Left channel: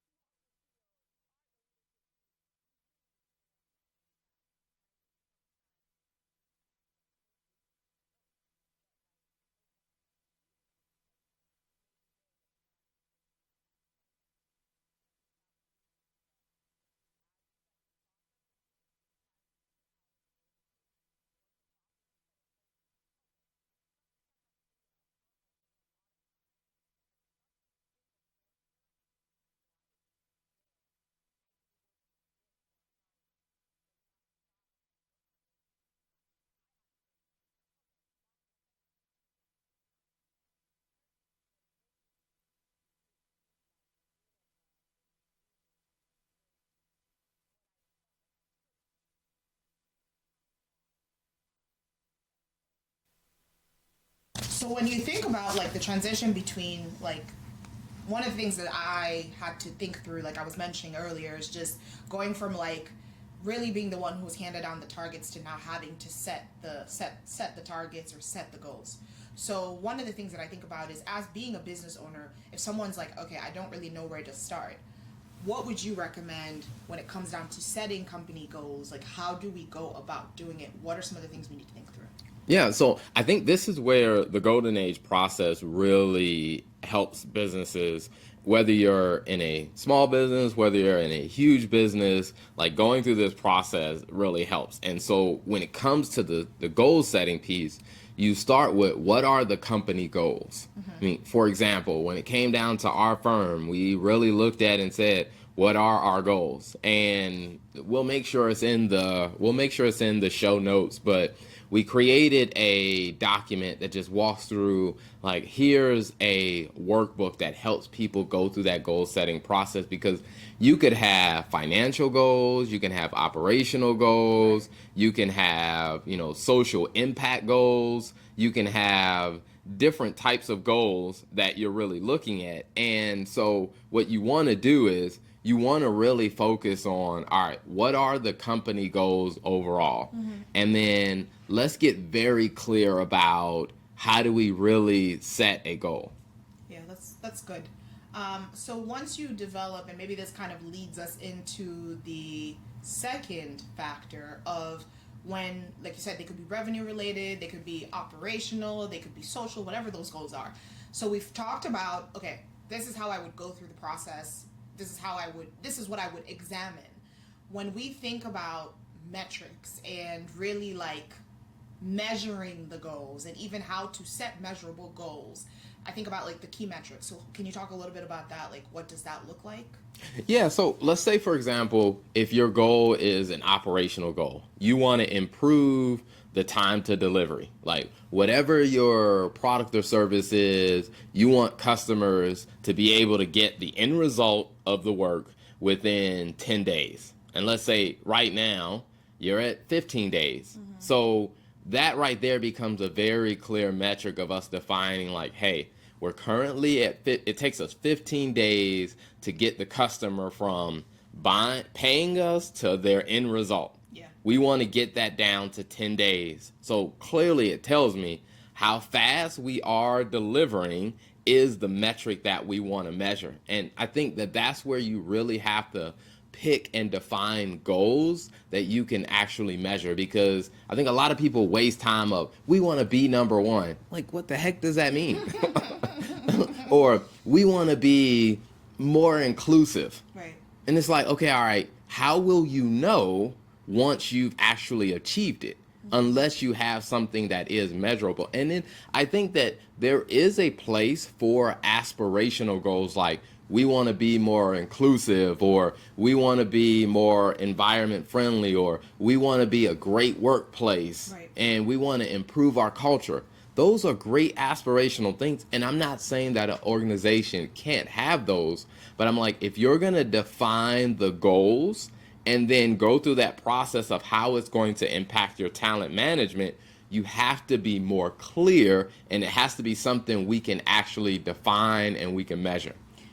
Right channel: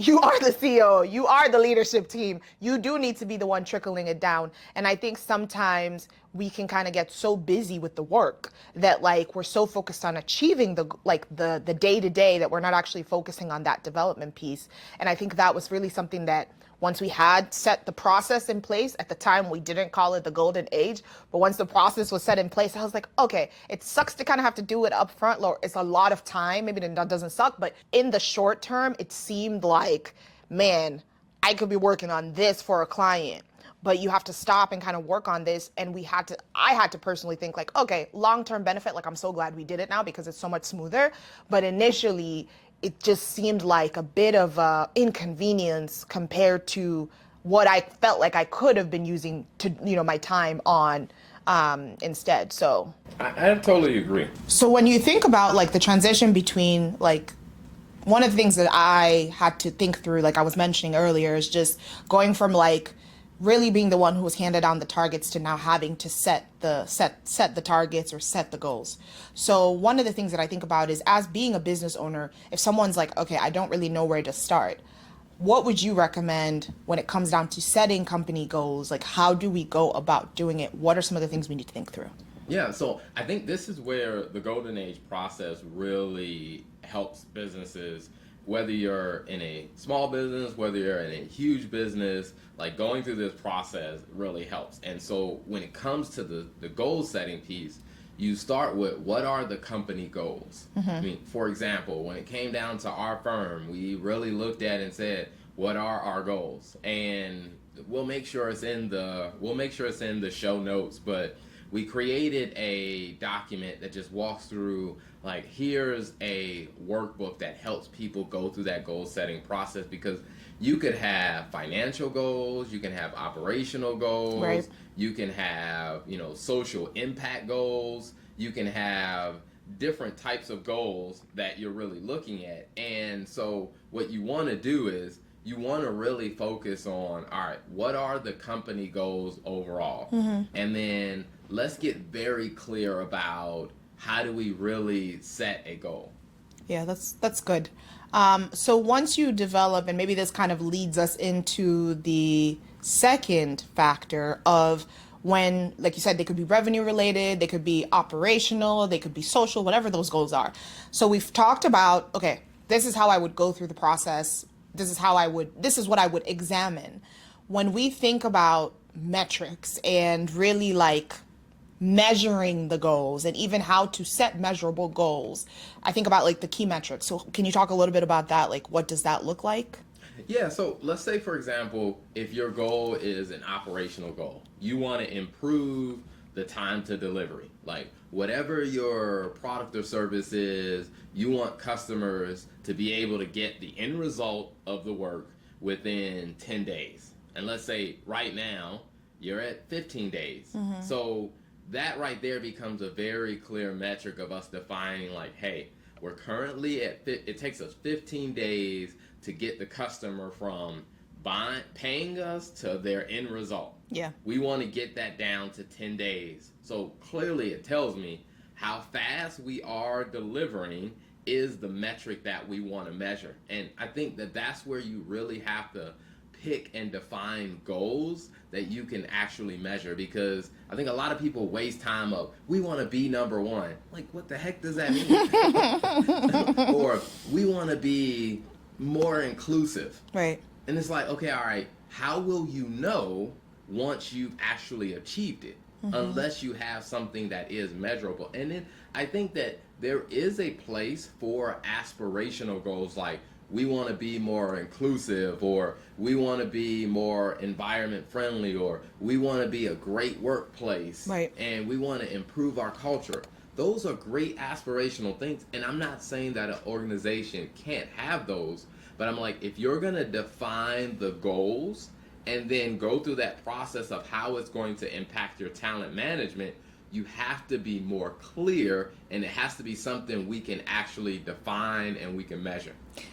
you are the CEO, you are the leadership team. You do need to be the one trickling it down. And I think sometimes we can kind of get so busy with the work that like we're so focused on achieving the day to day that we're not actually focusing on that development piece. And I think that was really something that once we had set the process in place, at the time we didn't call it the golden age, but once the process was set in place, I was like, okay, it sucks to kind of have to do it up front. It's a lot of time. Maybe that doesn't suck, but in the short term, it seemed like, man, I could be working on this for a client, but you have to stop and kind of work on this. And I had to personally think like, okay, long-term benefit, like I'm so glad we did it now because it's so much smoother. But initially, it just seemed like a bit of a inconvenience compared to what I felt like I could have been using to, my time on instead. I totally agree. So when you think about like the transition between like one of the things that I had to think through, like I was mentioning earlier, is just going from like really being the one who was handed down the targets to now having to set the targets or set the goals. So one of the things that I think about is as being a business owner, if someone's like, okay, I don't really know where to start, what would you recommend when it comes down to setting company goals? Like, how do we go about doing it? What are some of the things we need to think through? Yeah, so I think this is where the golden age process really helps businesses, whether you're in a small business, whether you're in a huge business, like going through this process really helps. And so when it comes to the goal setting piece, you start with what are the company goals? Mm-hmm. I mean, for example, when it came down to our firm, we really looked at and said, what are our goals? And we'll make sure it's in the show notes, but we created a document that just walks through, like, here's a workbook that helps people go through that goal setting process, because you could have financial goals, you can have operational goals, right. You can have, social impact goals, you can have different types of goals that you're really looking at. And so what you want to do is you want to really focus on, all right, what are the company goals overall? Mm-hmm. And then let's get very clear about how do we really set a goal. Yeah, that's good. So once you develop, and maybe this kind of leads us into the second factor of when, like you said, they could be revenue related, they could be operational, they could be social, whatever those goals are. So we've talked about, okay, this is how I would go through the process. This is what I would examine. When we think about metrics and really like measuring the goals and even how to set measurable goals, I think about like the key metrics. So can you talk a little bit about that? Like, what does that look like? Yeah, so let's say, for example, if your goal is an operational goal, you want to improve the time to delivery. Like, whatever your product or service is, you want customers to be able to get the end result of the work within 10 days. And let's say right now you're at 15 days. Mm-hmm. So that right there becomes a very clear metric of us defining, like, hey, we're currently it takes us 15 days to get the customer from paying us to their end result. Yeah. We want to get that down to 10 days. So clearly it tells me how fast we are delivering is the metric that we want to measure. And I think that that's where you really have to pick and define goals that you can actually measure, because I think a lot of people waste time of, we want to be number one. Like, what the heck does that mean? Or we want to be more inclusive. Right. And it's like, okay, all right, how will you know once you've actually achieved it? Mm-hmm. Unless you have something that is measurable. And then I think that there is a place for aspirational goals, like we want to be more inclusive, or we want to be more environment friendly, or we want to be a great workplace, right. And we want to improve our culture. Those are great aspirational things. And I'm not saying that an organization can't have those, but I'm like, if you're going to define the goals and then go through that process of how it's going to impact your talent management, you have to be more clear, and it has to be something we can actually define and we can measure.